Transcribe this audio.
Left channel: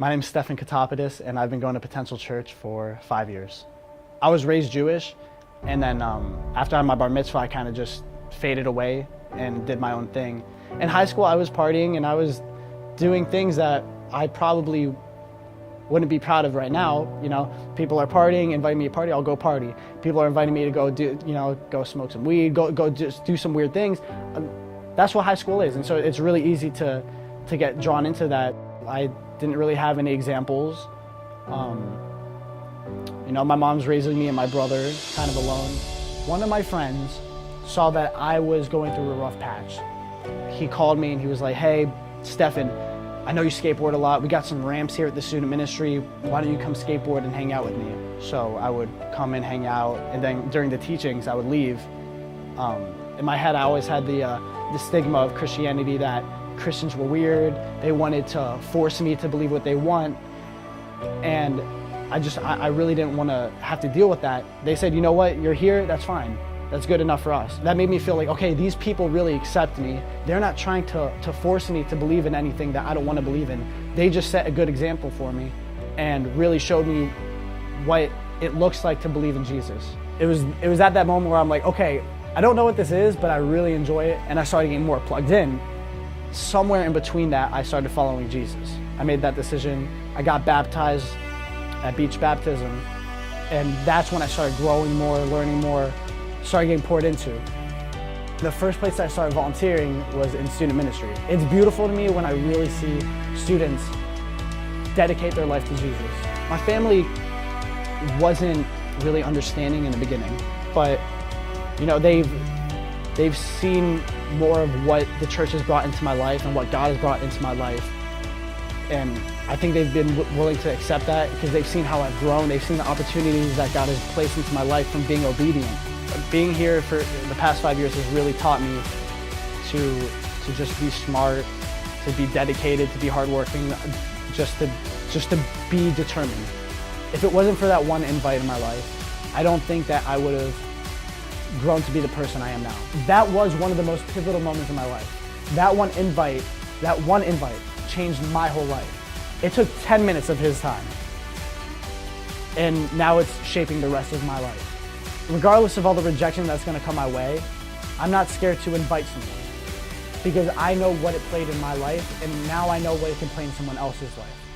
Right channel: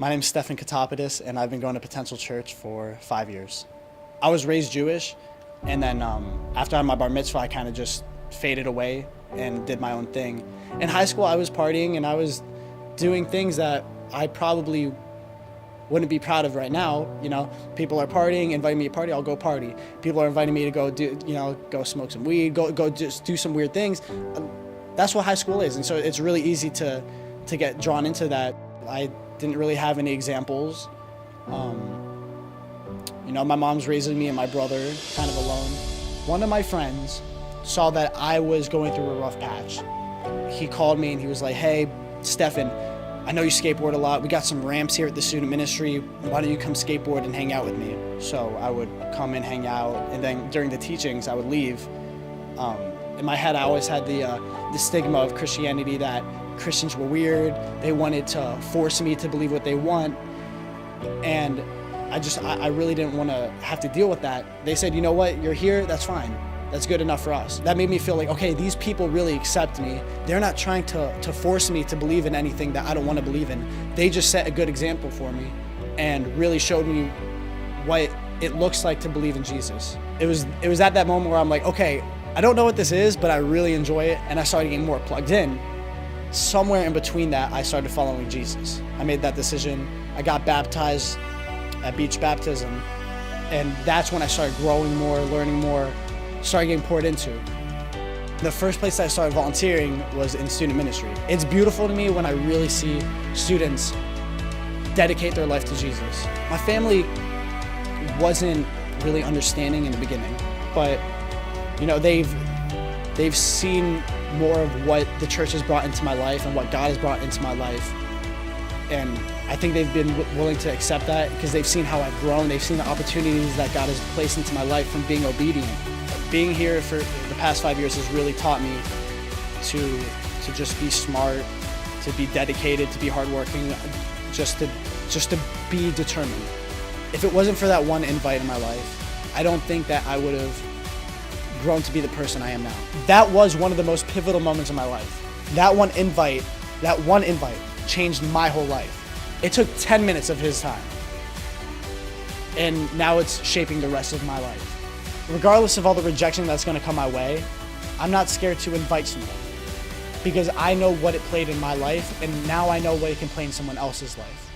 My name's Stephan K, and I've been going to Potential Church for 5 years. I was raised Jewish, and then after I had my bar mitzvah, I kind of just faded away and did my own thing. In high school, I was partying, and I was doing things that I probably wouldn't be proud of right now. You know, people are partying, inviting me to party, I'll go party. People are inviting me to go do, go smoke some weed, go just do some weird things. That's what high school is, and so it's really easy to get drawn into that. I didn't really have any examples. My mom's raising me and my brother kind of alone. One of my friends saw that I was going through a rough patch. He called me and he was like, "Hey, Stephan, I know you skateboard a lot. We got some ramps here at the student ministry. Why don't you come skateboard and hang out with me?" So I would come and hang out, and then during the teachings, I would leave. In my head, I always had the stigma of Christianity that Christians were weird. They wanted to force me to believe what they want, and I really didn't want to have to deal with that. They said, "You know what? You're here. That's fine. That's good enough for us." That made me feel like, okay, these people really accept me. They're not trying to force me to believe in anything that I don't want to believe in. They just set a good example for me and really showed me what it looks like to believe in Jesus. It was at that moment where I'm like, okay, I don't know what this is, but I really enjoy it, and I started getting more plugged in. Somewhere in between that, I started following Jesus. I made that decision. I got baptized at beach baptism, and that's when I started growing more, learning more, started getting poured into. The first place I started volunteering was in student ministry. It's beautiful to me when I really see students dedicate their life to Jesus. My family wasn't really understanding in the beginning, but they've seen more of what the church has brought into my life and what God has brought into my life. And I think they've been willing to accept that because they've seen how I've grown. They've seen the opportunities that God has placed into my life from being obedient. Being here for the past 5 years has really taught me to just be smart, to be dedicated, to be hardworking, just to be determined. If it wasn't for that one invite in my life, I don't think that I would have grown to be the person I am now. That was one of the most pivotal moments in my life. That one invite changed my whole life. It took 10 minutes of his time, and now it's shaping the rest of my life. Regardless of all the rejection that's gonna come my way, I'm not scared to invite somebody because I know what it played in my life, and now I know what it can play in someone else's life.